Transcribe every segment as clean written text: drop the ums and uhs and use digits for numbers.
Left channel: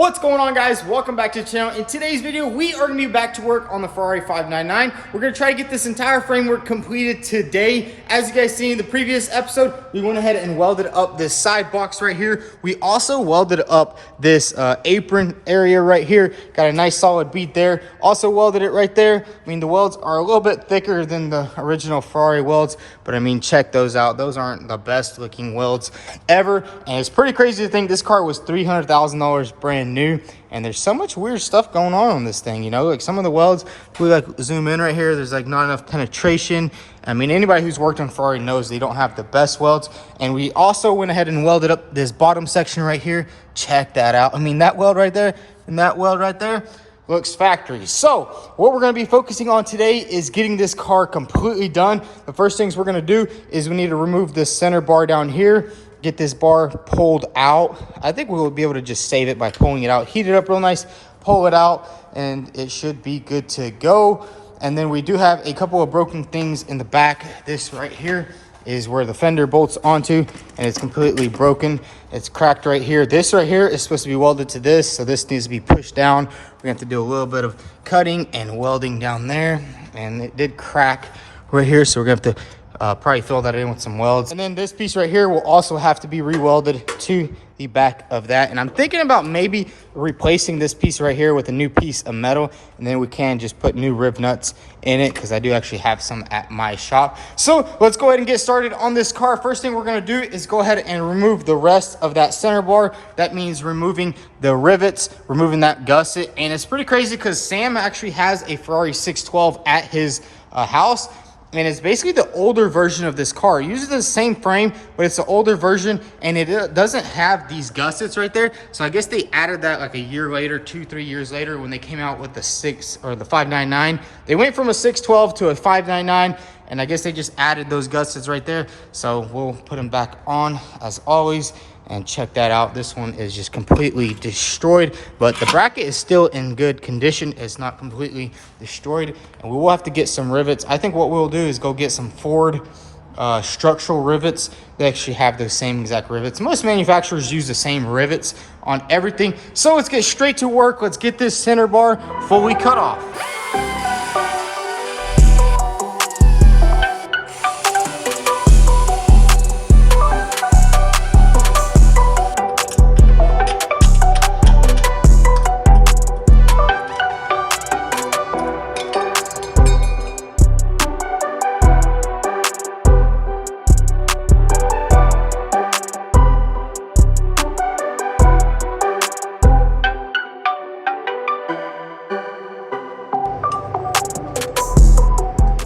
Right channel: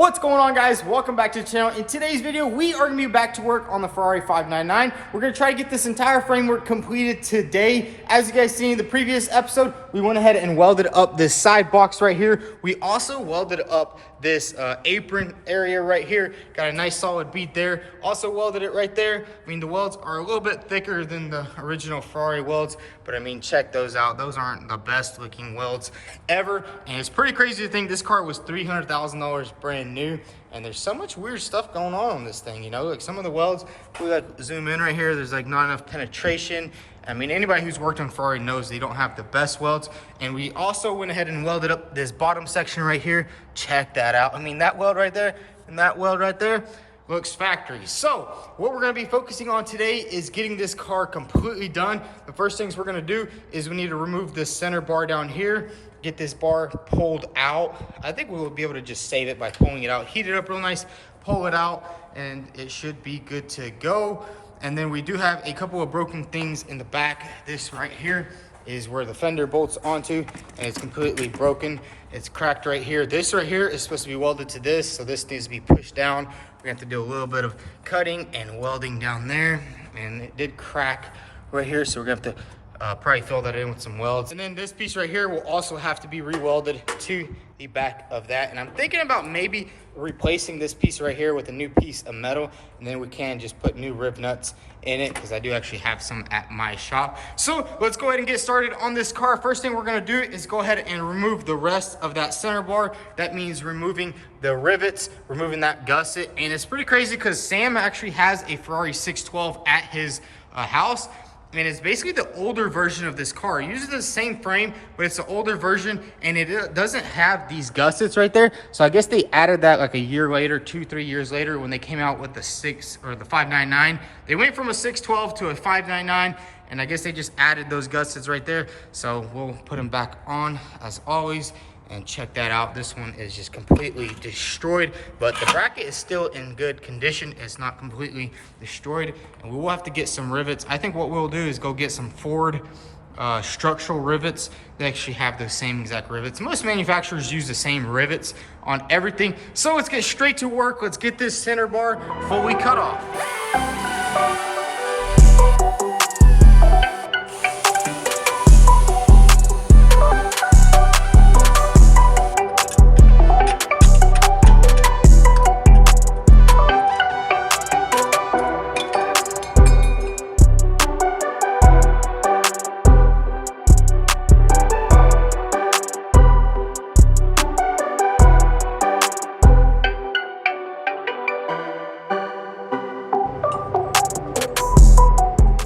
What's going on, guys? Welcome back to the channel. In today's video, we are gonna be back to work on the Ferrari 599. We're gonna try to get this entire framework completed today. As you guys seen in the previous episode, we went ahead and welded up this side box right here. We also welded up this apron area right here. Got a nice solid bead there. Also welded it right there. I mean, the welds are a little bit thicker than the original Ferrari welds, but I mean, check those out. Those aren't the best looking welds ever. And it's pretty crazy to think this car was $300,000 brand new, and there's so much weird stuff going on this thing, you know, like some of the welds, we like zoom in right here, there's like not enough penetration. I mean, anybody who's worked on Ferrari knows they don't have the best welds. And we also went ahead and welded up this bottom section right here. Check that out. I mean, that weld right there and that weld right there looks factory. So what we're going to be focusing on today is getting this car completely done. The first things we're going to do is we need to remove this center bar down here, get this bar pulled out. I think we'll be able to just save it by pulling it out, heat it up real nice, pull it out, and it should be good to go. And then we do have a couple of broken things in the back. This right here is where the fender bolts onto, and it's completely broken. It's cracked right here. This right here is supposed to be welded to this, so this needs to be pushed down. We have to do a little bit of cutting and welding down there, and it did crack right here, so we're gonna have to probably fill that in with some welds. And then this piece right here will also have to be re-welded to the back of that. And I'm thinking about maybe replacing this piece right here with a new piece of metal, and then we can just put new rib nuts in it, because I do actually have some at my shop. So let's go ahead and get started on this car. First thing we're gonna do is go ahead and remove the rest of that center bar. That means removing the rivets, removing that gusset. And it's pretty crazy because Sam actually has a Ferrari 612 at his house. And it's basically the older version of this car. It uses the same frame, but it's the older version, and it doesn't have these gussets right there. So I guess they added that like a year later, 2-3 years later, when they came out with the 599. They went from a 612 to a 599, and I guess they just added those gussets right there. So we'll put them back on as always. And check that out. This one is just completely destroyed, but the bracket is still in good condition. It's not completely destroyed. And we will have to get some rivets. I think what we'll do is go get some Ford structural rivets. They actually have the same exact rivets. Most manufacturers use the same rivets on everything. So let's get straight to work. Let's get this center bar fully cut off.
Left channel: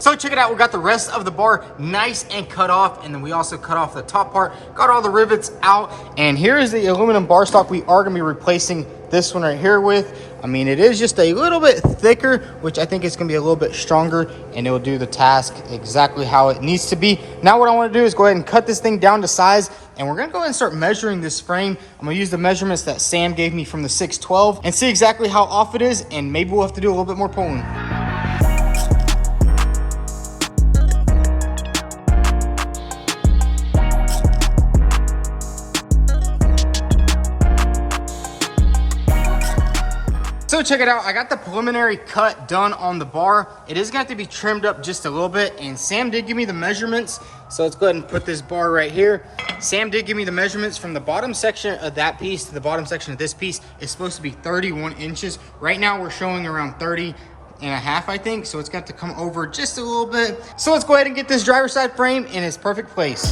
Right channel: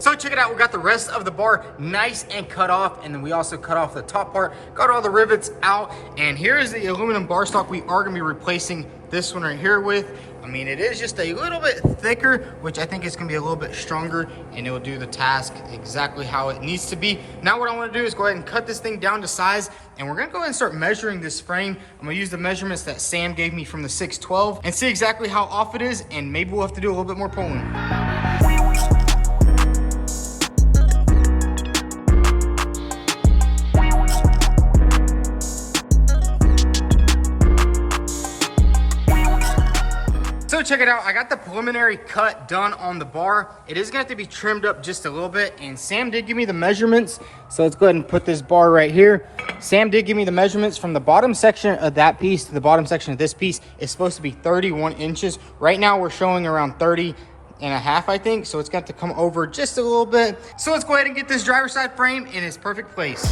So check it out, we got the rest of the bar nice and cut off, and then we also cut off the top part, got all the rivets out, and here is the aluminum bar stock we are gonna be replacing this one right here with. I mean, it is just a little bit thicker, which I think is gonna be a little bit stronger, and it will do the task exactly how it needs to be. Now what I wanna do is go ahead and cut this thing down to size, and we're gonna go ahead and start measuring this frame. I'm gonna use the measurements that Sam gave me from the 612 and see exactly how off it is, and maybe we'll have to do a little bit more pulling. So check it out, I got the preliminary cut done on the bar. It is gonna have to be trimmed up just a little bit, and Sam did give me the measurements. So let's go ahead and put this bar right here. Sam did give me the measurements from the bottom section of that piece to the bottom section of this piece. It's supposed to be 31 inches. Right now we're showing around 30.5, I think. So it's got to come over just a little bit. So let's go ahead and get this driver's side frame in its perfect place.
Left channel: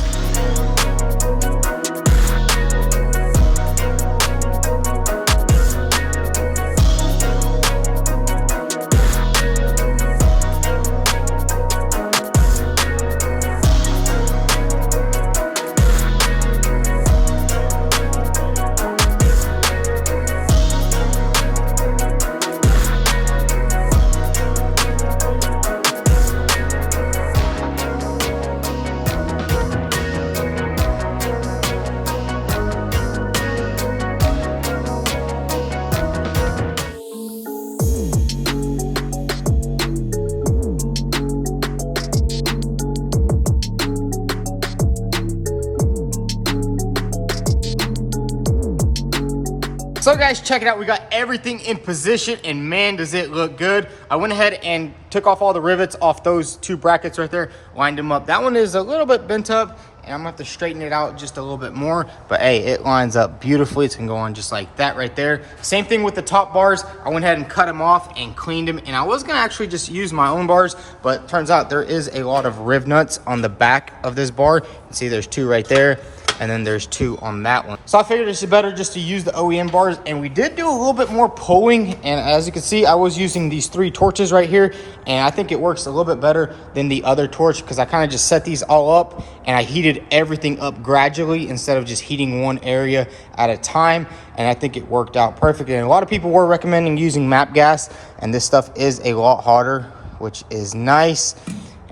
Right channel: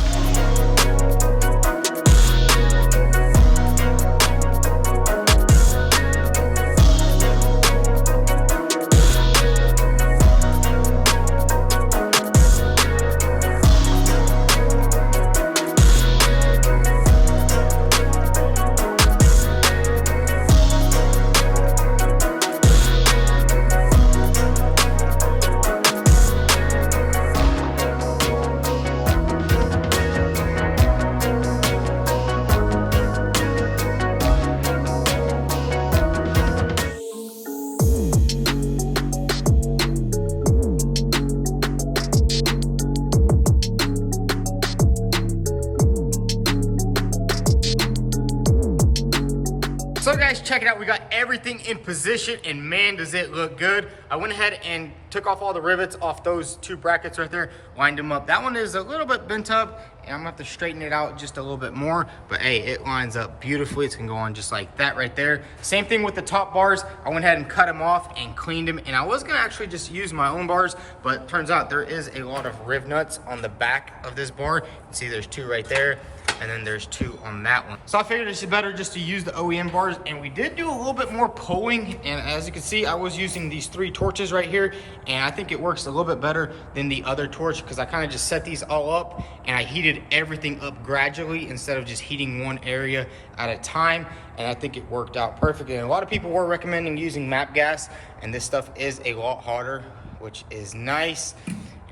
So guys, check it out. We got everything in position and man, does it look good. I went ahead and took off all the rivets off those two brackets right there, lined them up. That one is a little bit bent up and I'm gonna have to straighten it out just a little bit more, but hey, it lines up beautifully. It's gonna go on just like that right there. Same thing with the top bars. I went ahead and cut them off and cleaned them, and I was gonna actually just use my own bars, but turns out there is a lot of riv nuts on the back of this bar. You see there's two right there, and then there's two on that one. So I figured it's better just to use the OEM bars, and we did do a little bit more pulling, and as you can see, I was using these 3 torches right here, and I think it works a little bit better than the other torch because I kind of just set these all up and I heated everything up gradually instead of just heating one area at a time, and I think it worked out perfectly. And a lot of people were recommending using MAP gas, and this stuff is a lot hotter, which is nice.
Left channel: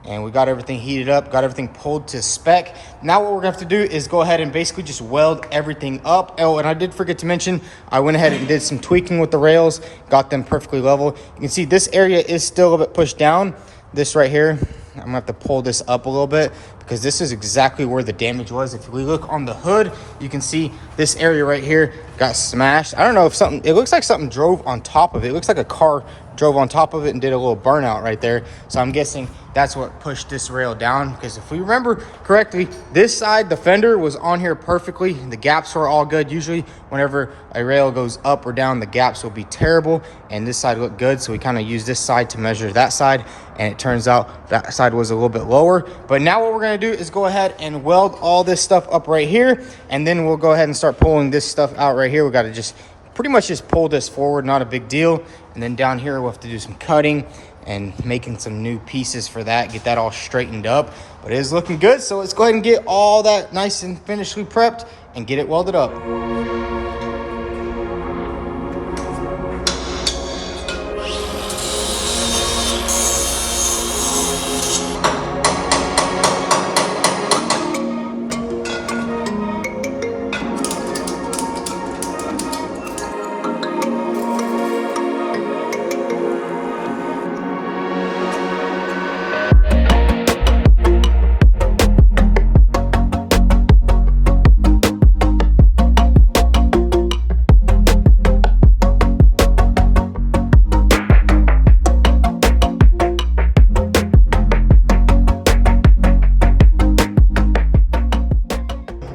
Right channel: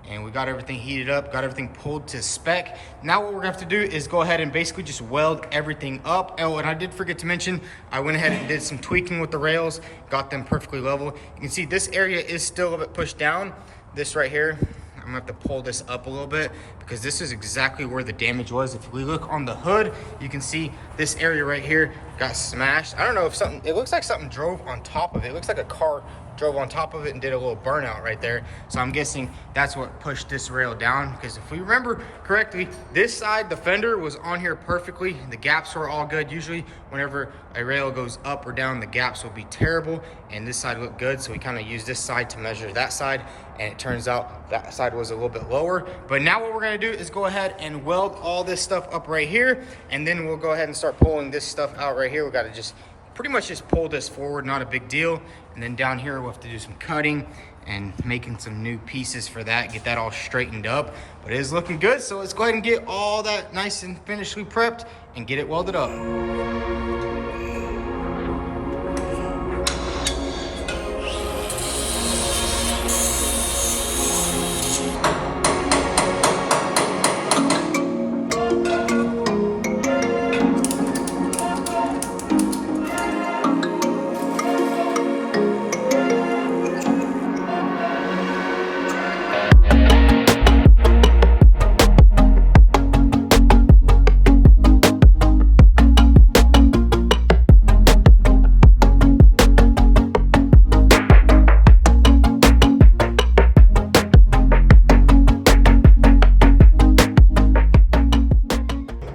And we got everything heated up, got everything pulled to spec. Now what we're gonna have to do is go ahead and basically just weld everything up. Oh, and I did forget to mention, I went ahead and did some tweaking with the rails, got them perfectly level. You can see this area is still a little bit pushed down. This right here, I'm gonna have to pull this up a little bit because this is exactly where the damage was. If we look on the hood, you can see this area right here got smashed. I don't know if something, it looks like something drove on top of it. It looks like a car drove on top of it and did a little burnout right there. So I'm guessing that's what pushed this rail down, because if we remember correctly, this side, the fender was on here perfectly. The gaps were all good. Usually whenever a rail goes up or down, the gaps will be terrible, and this side looked good. So we kind of used this side to measure that side, and it turns out that side was a little bit lower. But now what we're gonna do is go ahead and weld all this stuff up right here, and then we'll go ahead and start pulling this stuff out right here. We gotta just pretty much just pull this forward, not a big deal. And then down here, we'll have to do some cutting and making some new pieces for that, get that all straightened up. But it is looking good, so let's go ahead and get all that nice and finishly prepped and get it welded up.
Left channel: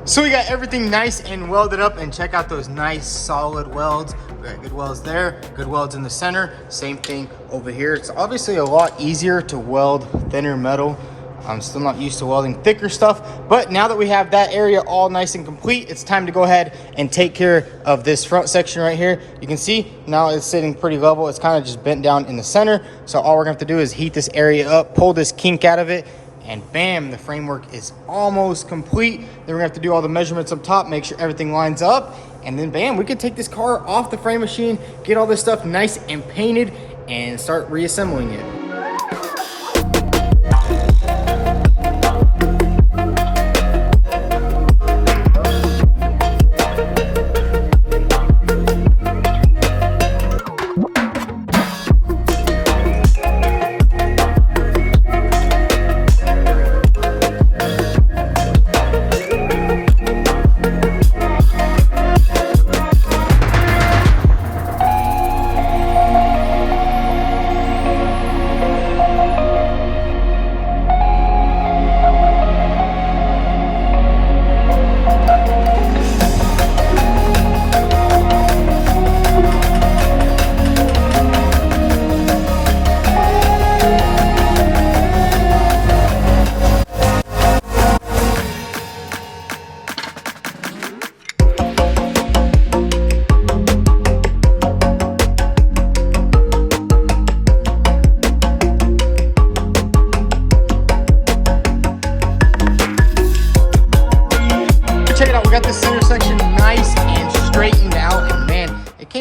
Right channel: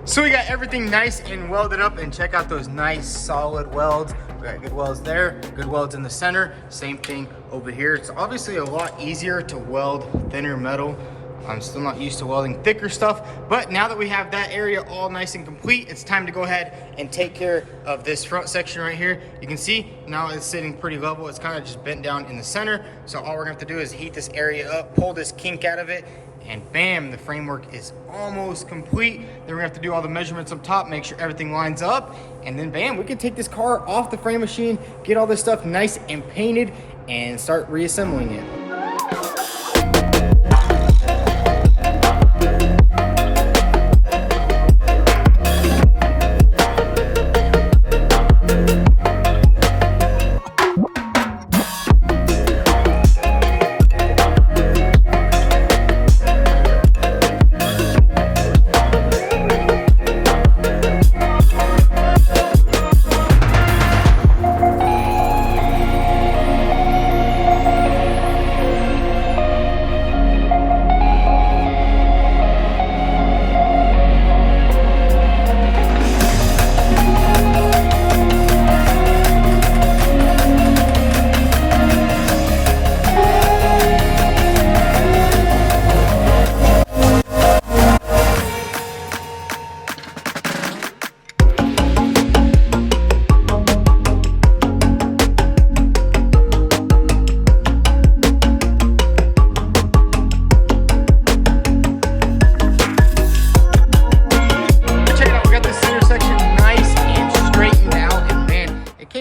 So we got everything nice and welded up, and check out those nice solid welds. We got good welds there, good welds in the center. Same thing over here. It's obviously a lot easier to weld thinner metal. I'm still not used to welding thicker stuff, but now that we have that area all nice and complete, it's time to go ahead and take care of this front section right here. You can see now it's sitting pretty level. It's kind of just bent down in the center. So all we're gonna have to do is heat this area up, pull this kink out of it, and bam, the framework is almost complete. Then we're gonna have to do all the measurements up top, make sure everything lines up, and then bam, we can take this car off the frame machine, get all this stuff nice and painted, and start reassembling it.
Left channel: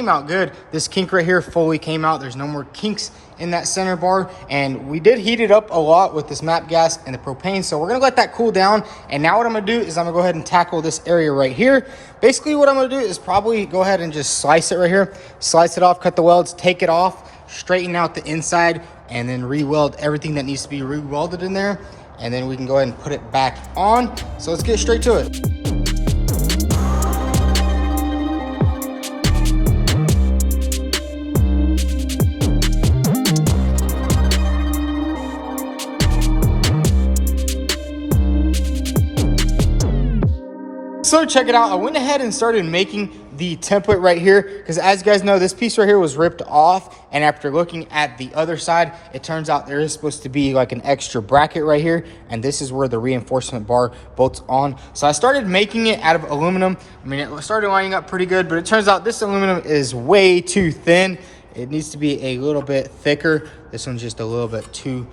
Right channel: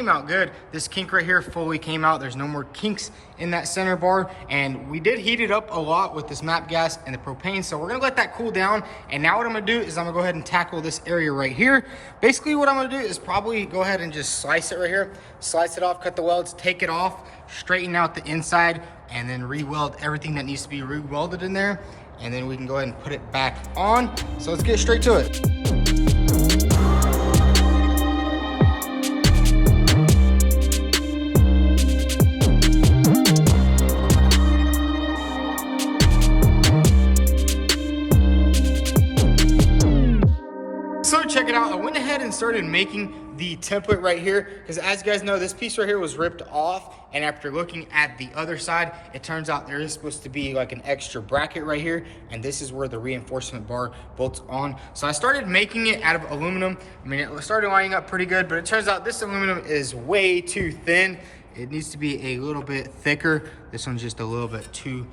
Out good. This kink right here fully came out. There's no more kinks in that center bar, and we did heat it up a lot with this MAP gas and the propane, so we're gonna let that cool down. And now what I'm gonna do is I'm gonna go ahead and tackle this area right here. Basically what I'm gonna do is probably go ahead and just slice it right here, slice it off, cut the welds, take it off, straighten out the inside, and then re-weld everything that needs to be re-welded in there, and then we can go ahead and put it back on. So let's get straight to it. check it out. I went ahead and started making the template right here because, as you guys know, this piece right here was ripped off, and after looking at the other side, it turns out there is supposed to be like an extra bracket right here, and this is where the reinforcement bar bolts on. So I started making it out of aluminum. I mean, it started lining up pretty good, but it turns out this aluminum is way too thin. It needs to be a little bit thicker. This one's just a little bit too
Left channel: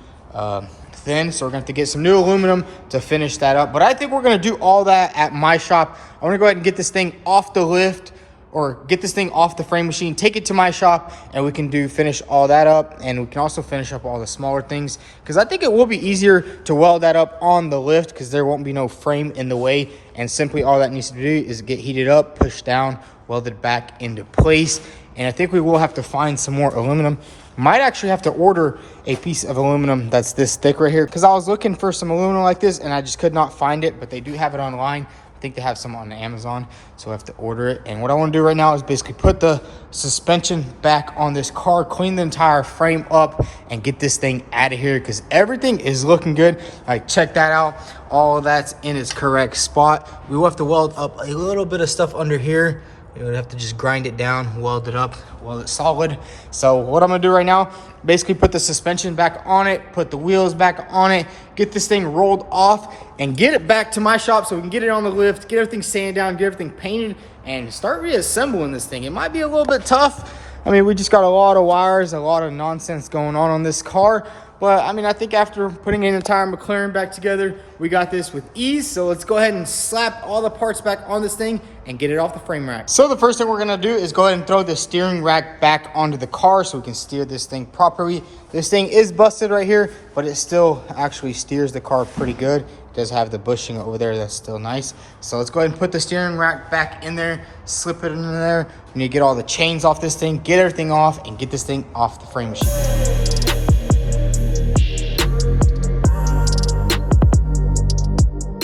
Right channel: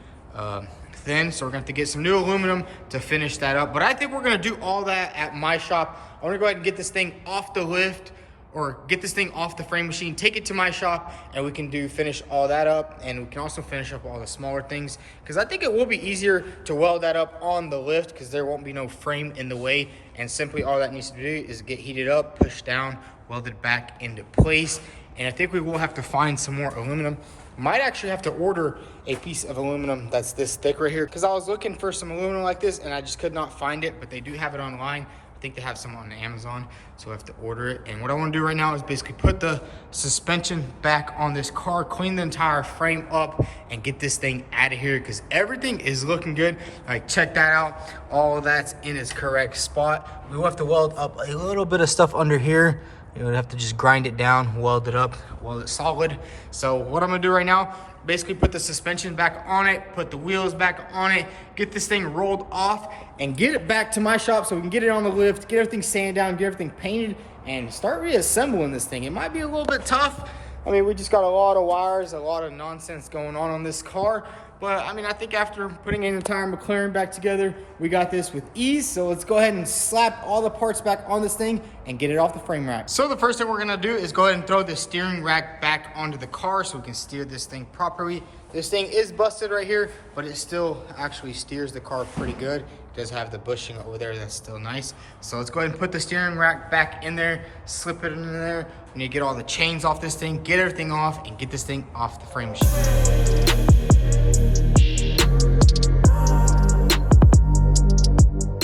thin, so we're gonna have to get some new aluminum to finish that up. But I think we're gonna do all that at my shop. I want to go ahead and get this thing off the lift, or get this thing off the frame machine, take it to my shop, and we can finish all that up. And we can also finish up all the smaller things, because I think it will be easier to weld that up on the lift because there won't be no frame in the way, and simply all that needs to do is get heated up, pushed down, welded back into place. And I think we will have to find some more aluminum. Might actually have to order a piece of aluminum that's this thick right here, because I was looking for some aluminum like this and I just could not find it, but they do have it online. I think they have some on Amazon, so I have to order it. And what I want to do right now is basically put the suspension back on this car, clean the entire frame up, and get this thing out of here, because everything is looking good. Like, check that out. All of that's in its correct spot. We will have to weld up a little bit of stuff under here. We would have to just grind it down, weld it up, weld it solid. So what I'm gonna do right now, basically put the suspension back on it, put the wheels back on it, get this thing rolled off, and get it back to my shop so we can get it on the lift, get everything sanded down, get everything painted, and start reassembling this thing. It might be a little bit tough. I mean, we just got a lot of wires and a lot of nonsense going on this car. But I mean, I think after putting an entire McLaren back together, we got this with ease. So let's go ahead and slap all the parts back on this thing and get it off the frame rack. So the first thing we're gonna do is go ahead and throw the steering rack back onto the car so we can steer this thing properly. This thing is busted right here, but it still actually steers the car pretty good. It does have the bushing over there, that's still nice. So let's go ahead and put the steering rack back in there, slip it in there. We need to get all the chains off this thing, get everything off, and get this thing off the frame machine.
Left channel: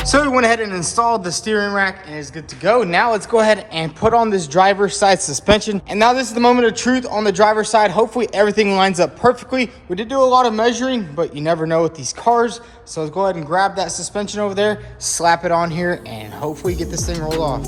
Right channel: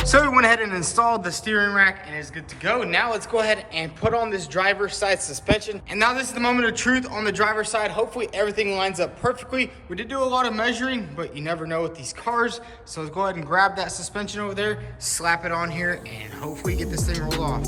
So we went ahead and installed the steering rack and it's good to go. Now let's go ahead and put on this driver's side suspension. And now this is the moment of truth on the driver's side. Hopefully everything lines up perfectly. We did do a lot of measuring, but you never know with these cars. So let's go ahead and grab that suspension over there, slap it on here, and hopefully get this thing rolled off.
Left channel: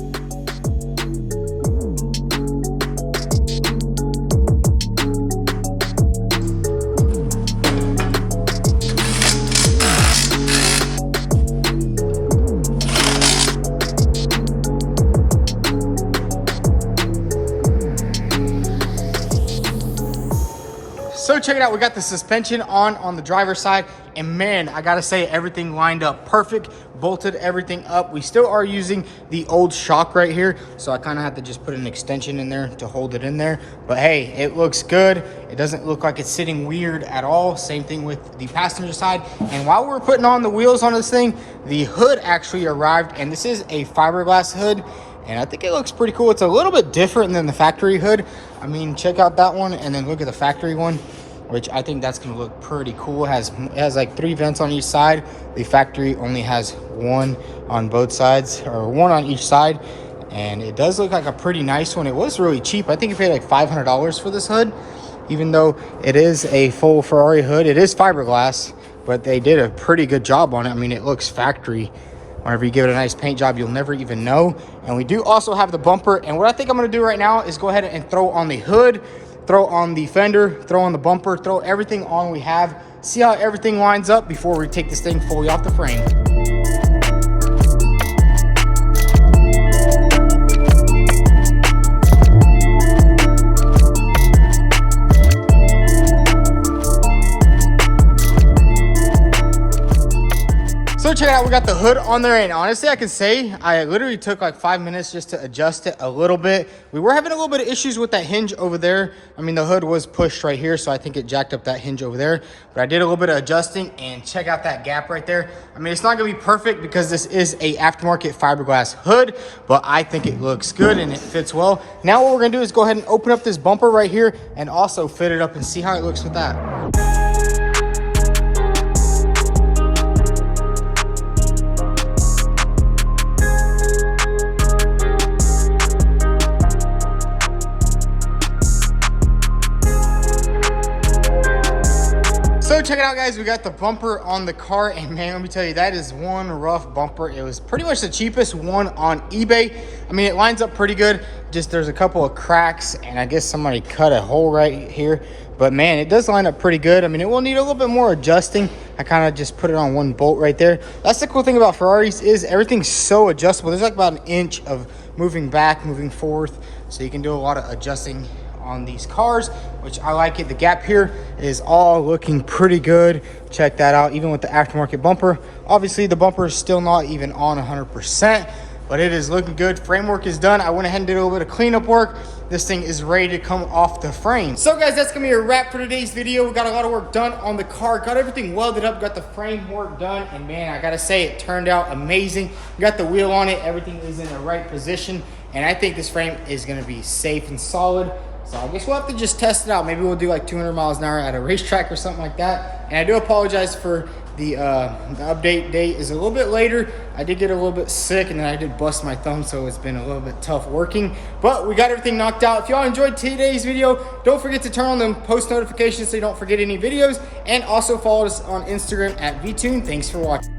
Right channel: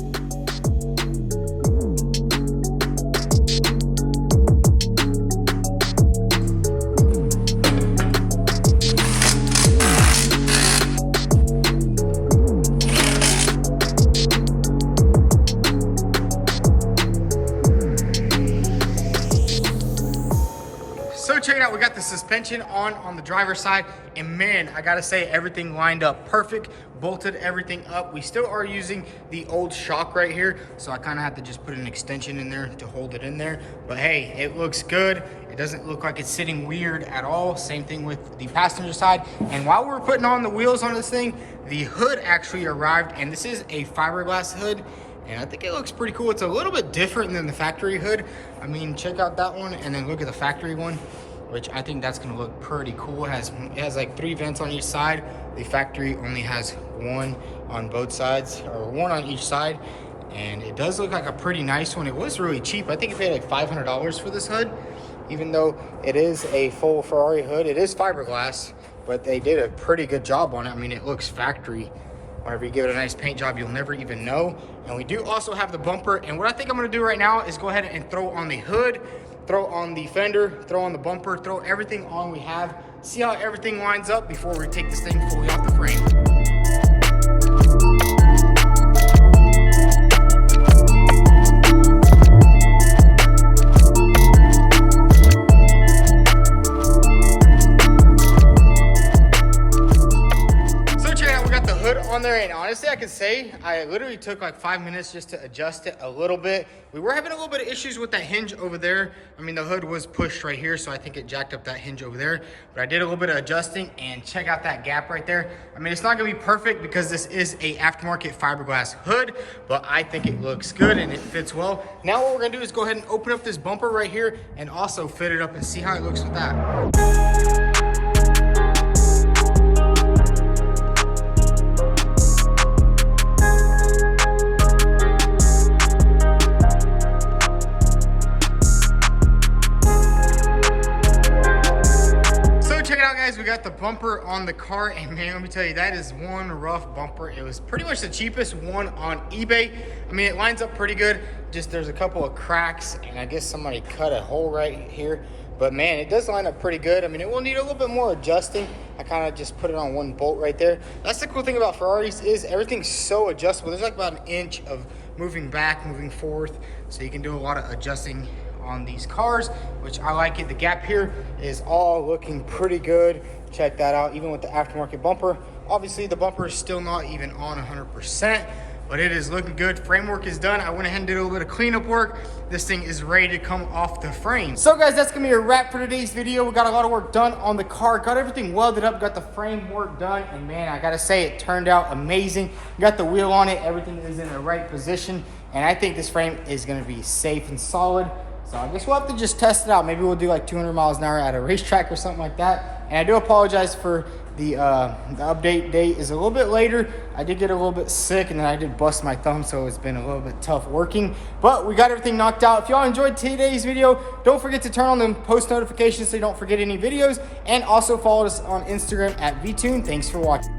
So check it out, we got the suspension on the driver's side, and man, I gotta say, everything lined up perfect, bolted everything up. We still are using the old shock right here, so I kind of have to just put an extension in there to hold it in there. But hey, it looks good. It doesn't look like it's sitting weird at all. Same thing with the passenger side. And while we're putting on the wheels on this thing, the hood actually arrived, and this is a fiberglass hood. And I think it looks pretty cool. It's a little bit different than the factory hood. I mean, check out that one and then look at the factory one, which I think that's gonna look pretty cool. It has like 3 vents on each side. The factory only has 1 on both sides, or 1 on each side. And it does look like a pretty nice one. It was really cheap. I think you paid like $500 for this hood, even though it is a full Ferrari hood. It is fiberglass, but they did a pretty good job on it. I mean, it looks factory. Whenever you give it a nice paint job, you'll never even know. And we do also have the bumper. And what I think I'm gonna do right now is go ahead and throw on the hood, throw on the fender, throw on the bumper, throw everything on we have, see how everything lines up before we take this thing fully off the frame. Check it out, we got the hood on there, and honestly I can say I literally took like 5 minutes just to adjust it a little bit. We were having a little bit of issues with that hinge over there. I mean, the hood was pushed right here, so I think it jacked up that hinge over there, but I did a little bit of adjusting, and check out that gap right there. I mean, it's not gonna be perfect because this is a aftermarket fiberglass hood, but I think it looks good and it fits well. Now what we're gonna do is go ahead and open up this bumper right here and also fit it up and see how it looks with that. check it out, guys. We got the bumper on the car, and man, let me tell you, that is one rough bumper. It was pretty much the cheapest one on eBay. I mean, it lines up pretty good. Just there's a couple of cracks, and I guess somebody cut a hole right here. But man, it does line up pretty good. I mean, it will need a little bit more adjusting. I kind of just put it on one bolt right there. That's the cool thing about Ferraris, is everything's so adjustable. There's like about an inch of moving back, moving forth, so you can do a lot of adjusting on these cars, which I like it. The gap here is all looking pretty good. Check that out, even with the aftermarket bumper. Obviously the bumper is still not even on 100%, but it is looking good. Framework is done. I went ahead and did a little bit of cleanup work. This thing is ready to come off the frame. So guys, that's gonna be a wrap for today's video. We got a lot of work done on the car, got everything welded up, got the framework done, and man, I gotta say, it turned out amazing. Got the wheel on it, everything is in the right position, and I think this frame is gonna be safe and solid. So I guess we'll have to just test it out. Maybe we'll do like 200 miles an hour at a racetrack or something like that. And I do apologize for the update date is a little bit later. I did get a little bit sick, and then I did bust my thumb, so it's been a little bit tough working. But we got everything knocked out. If y'all enjoyed today's video, don't forget to turn on the post notifications so you don't forget any videos. And also follow us on Instagram at VTune. Thanks for watching.